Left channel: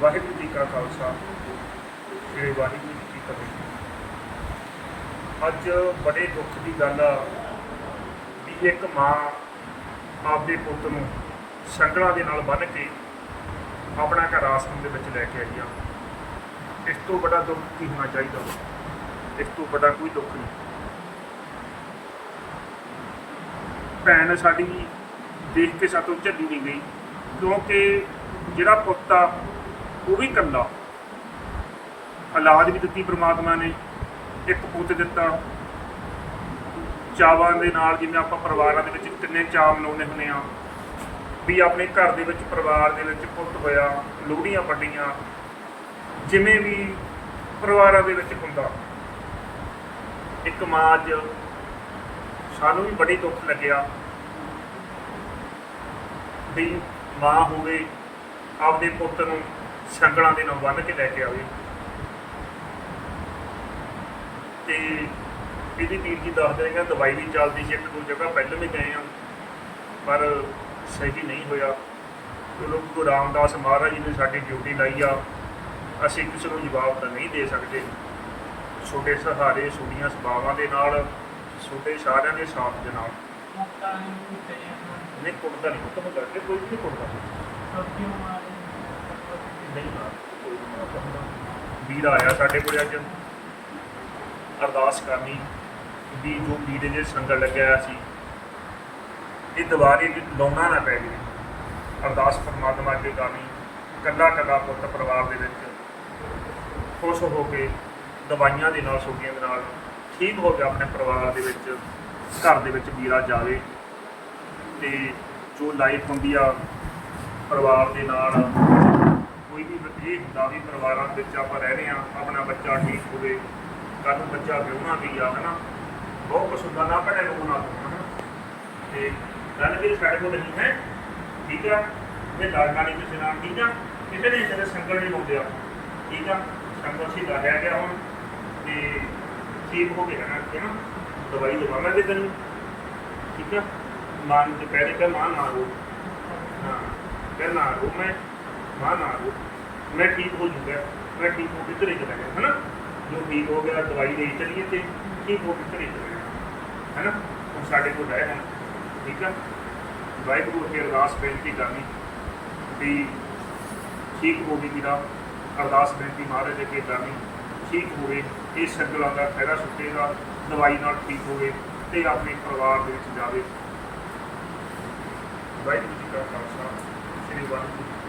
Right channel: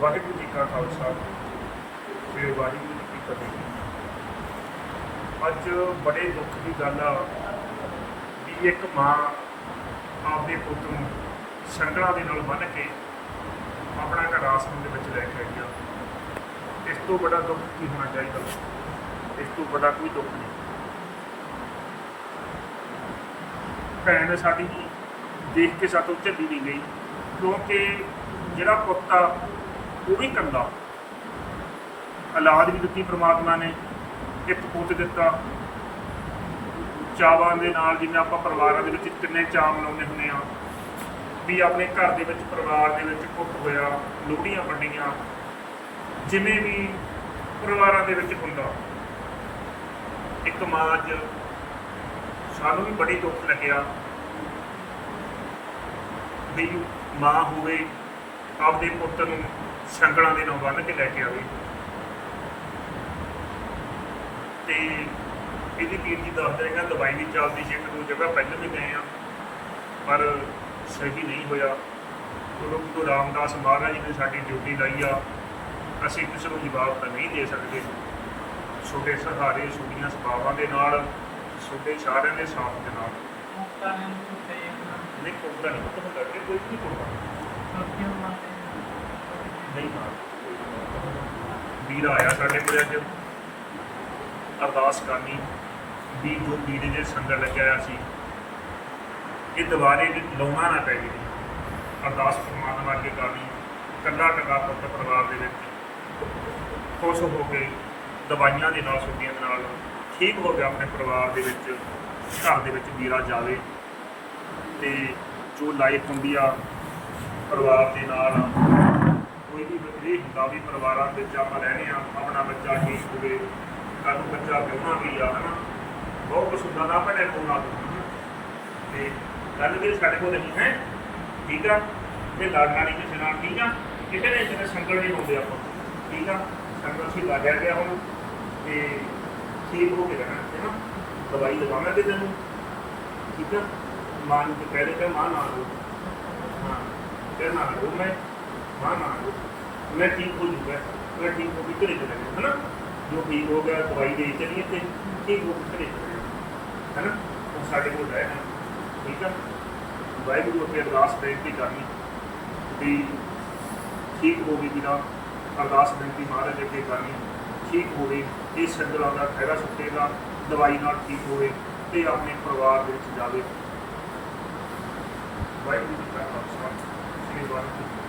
ਵਾਹਿਗੁਰੂ ਜੀ ਕਾ ਖਾਲਸਾ, ਸ੍ਰੀ ਵਾਹਿਗੁਰੂ ਜੀ ਕੀ ਫਤਿਹ। ਅੱਜ ਬੜੇ ਦੁੱਖ ਦੀ ਗੱਲ ਆ ਵੀ ਇੱਕ ਮਾਂ ਆਪਦੇ ਪੁੱਤ ਨੂੰ ਸੰਗਲਾਂ ਦੇ ਨਾਲ ਬੰਨ੍ਹ ਕੇ ਆਪਣਾ ਘਰ ਆਸਮ ਦੇ ਵਿੱਚ ਲੈ ਕੇ ਆਈ ਆ। ਇਸ ਤੋਂ ਬੜਾ ਦੁੱਖ ਕੀ ਹੋਣਾ ਚਾਹੀਦਾ? ਇਸ ਤੋਂ ਬੜਾ ਕੋਈ ਦੁੱਖ ਨਹੀਂ। ਭੈਣ ਸਾਡੀ ਦੇਖ ਕੇ ਸਾਤੋਂ ਝੱਲੀ ਨਹੀਂ ਗਈ, ਕਿਉਂਕਿ ਜਿਹੜਾ ਪੁੱਤ ਆ ਉਹ ਵੀ ਕੱਲਾ ਔਲਾਦ ਵੀ ਦਿੱਤੀ ਪ੍ਰਮਾਤਮਾ ਨੇ, ਇੱਕ ਪੁੱਤ ਦਿੱਤਾ। ਚਾਵਾਂ ਦੇ ਨਾਲ ਜਿਵੇਂ ਆਪਾਂ ਪਰਿਵਾਰਾਂ ਦੇ ਵਿੱਚ ਕਿੰਨੇ ਚਾਅ ਮਨਾਉਂਦੇ ਹੁੰਦੇ ਆ ਵੀ ਆਪਣੇ ਘਰ ਦੇ ਵਿੱਚ ਪਰਿਵਾਰ ਦੇ ਵਿੱਚ ਪੁੱਤ ਹੋਇਆ, ਲੋਹੜੀਆਂ ਵੰਡੀਆਂ, ਜਿਵੇਂ ਵੀ ਪਰਿਵਾਰਾਂ ਦੇ ਵਿੱਚ ਹੁੰਦਾ। ਇੱਕ ਮਾਂ ਅੱਜ ਸਾਨੂੰ ਵੀ ਬੜੀ ਦੁੱਖ ਲੱਗਿਆ ਵੀ ਮਾਂ ਹੋਵੇ, ਆਪਦੇ ਪੁੱਤ ਨੂੰ ਸੰਗਲਾਂ ਦੇ ਨਾਲ ਬੰਨ੍ਹ ਕੇ ਲੈ ਕੇ ਆਵੇ। ਤੇ ਇਹਦੀ ਵੀਰ ਜੀ ਦੱਸਦੇ ਹੈਗਾ ਦਵਾਈ ਵੀ ਚੱਲਦੀ ਸੀ ਇੱਕ ਦੋ ਜਗ੍ਹਾ ਪਹਿਲਾਂ ਵੀ ਗਏ ਆ ਪਰ ਸਹੀ ਨਹੀਂ ਹੋਇਆ। ਚਲੋ ਗੁਰੂ ਰਾਮਦਾਸ ਮਹਾਰਾਜ ਜੀ ਨੇ ਸਾਡੀ ਡਿਊਟੀ ਲਾਈ ਆ। ਅਸੀਂ ਕਿਸੇ ਨੂੰ ਜਵਾਬ ਤਾਂ ਨਹੀਂ ਦੇ ਸਕਦੇ। ਛੋਟੇ ਸਹਾਰੇ ਛੋਟੀਆਂ ਸਭਾਵਾਂ ਦੇ ਨਾਲ ਛੋਟੇ ਸਾਰਿਆਂ ਦੇ ਸਾਥ ਦੇ ਨਾਲ। ਮੌਕਾ ਹੈ ਕੁੱਤੇ ਨਹੀਂ ਕੁੜਦਾ ਨਹੀਂ ਕੁੱਤਾ ਹੁੰਦਾ ਕਿ ਕੋਈ ਵੀ ਨਹੀਂ ਕੁੜਦਾ ਛੋਟੀਆਂ ਮਾਰੇ ਨਹੀਂ ਮਾਰ ਕੋਈ ਨਹੀਂ ਮਾਰਦਾ ਵੀਰ ਆਇਆ ਸਾਡੇ ਕੋਲ ਅੱਜ। ਅਰਦਾਸ ਕਰਨੀ ਵੀ ਜੋ ਵੀਰ ਦੇ ਸੰਗਤ ਲੱਗਿਆ ਹੋਇਆ ਸੀ, ਇਹ ਦੁਬਾਰੇ ਲਾਉਣਾ ਨਾ ਪੈ ਜੇ। ਅਰਦਾਸ ਪਰਮਾਤਮਾ ਅੱਗੇ ਕਰਨੀ ਕੱਲਾ ਕੱਲਾ ਪੁੱਤ ਪਰਿਵਾਰ ਦੇ ਵਿੱਚ ਖੁਸ਼ ਹੋ ਕੇ ਦਵਾਈਆਂ ਦੇ ਨਾਲ ਛੁੱਟੀਆਂ ਦੇ ਨਾਲ ਠੀਕ ਹੋ ਗਿਆ ਆਪਣੇ ਪਰਿਵਾਰ ਦੇ ਵਿੱਚ, ਘਰ ਦੇ ਵਿੱਚ ਵੀਰਾ ਜਾਵੇ ਤੇ ਜੋ ਲਾਈਫ ਹੁੰਦੀ ਆ, ਪਰਿਵਾਰ ਦੇ ਨਾਲ ਕੋਈ ਵੀ ਇਹ ਹੁੰਦਾ ਵੀ ਪਰਿਵਾਰਾਂ ਵਿੱਚ ਆਪਾਂ ਰਹਿੰਦੇ ਰਹੇ ਆ ਆਪਣਾ ਬੱਚਾ ਠੀਕ ਹੋਵੇ ਕੱਲ੍ਹ ਨੂੰ ਬੱਚਾ ਵਿਆਹਣਾ ਵੀ ਆ, ਹਨਾ? ਬਹੁਤ ਕੁਛ ਹੁੰਦਾ, ਨਾ ਆਪਣੇ ਨੂੰ ਨਾ ਦੋ ਹਨਾ? ਤੇ ਗੱਲ ਵੀ ਸਾਡੇ ਕੋਲ ਨਹੀਂ ਹੈ, ਠੀਕ ਆ? ਇਹ ਲੜਨਾ ਨਹੀਂ ਕਿਸੇ ਨਾਲ ਠੀਕ ਆ, ਕਿਸੇ ਨੇ ਜਿਹੜੇ ਸੰਗਲ ਨਹੀਂ ਲਾਉਂਦੇ ਆਪਾਂ, ਠੀਕ ਆ? ਸੰਗਲ ਸੀ ਲੱਗਿਆ ਗਿਆ ਹੁਣ, ਤੇ ਠੀਕ ਹੋ ਕੇ ਰਹਿਣਾ ਹੈ ਨਾ ਦਵਾਈ ਲਗਾਉਣਾ ਦੇ ਤੈਨੂੰ, ਠੀਕ ਆ? ਮਾਂ ਨੂੰ ਤੇ ਕਹਿ ਦੇ ਮਾਂ ਨਾ ਰੋ, ਹਾਂ ਕਹਿ ਨਾ ਰੋ ਮੈਂ। ਮਾਂ ਨਾ ਮੈਂ ਠੀਕ ਹੋ ਜੂਗਾ ਮੈਂ ਠੀਕ ਹੋ ਕੇ ਘਰੇ ਚਲਾ ਗਿਆ, ਹਨਾ? ਜੋ ਠੀਕ ਹੋ ਗਿਆ, ਦਵਾਈ ਦੇ ਚਲੀਏ ਤੇ ਠੀਕ ਹੋ ਕੇ ਘਰੇ ਚਲਾ ਗਿਆ, ਹਨਾ? ਉਹ ਸਾਡੇ ਕੋਲ ਰਹਿ ਹੁਣ, ਠੀਕ ਆ? ਵਾਹਿਗੁਰੂ ਅੱਗੇ ਅਰਦਾਸ ਬੇਨਤੀ ਕਰਨੀ ਵੀ ਠੀਕ ਹੋ ਗਈ ਵੀਰਾ ਅਰਦਾਸ ਬੇਨਤੀ ਮਹਾਰਾਜ ਅੱਗੇ ਕਰਨੀ, ਠੀਕ ਹੋਵੇ, ਇਹ ਸੰਗਲਾਂ ਦਾ ਖੈਰਾ ਸੁੱਟੇਗਾ ਦਵਾਈ ਨਾਲ ਠੀਕ ਹੋਵੇ ਤੇ ਆਪਣੇ ਪਰਿਵਾਰ ਦੇ ਵਿੱਚ ਜਾਵੇ। ਵਾਹਿਗੁਰੂ ਜੀ ਕਾ ਖਾਲਸਾ, ਸ੍ਰੀ ਵਾਹਿਗੁਰੂ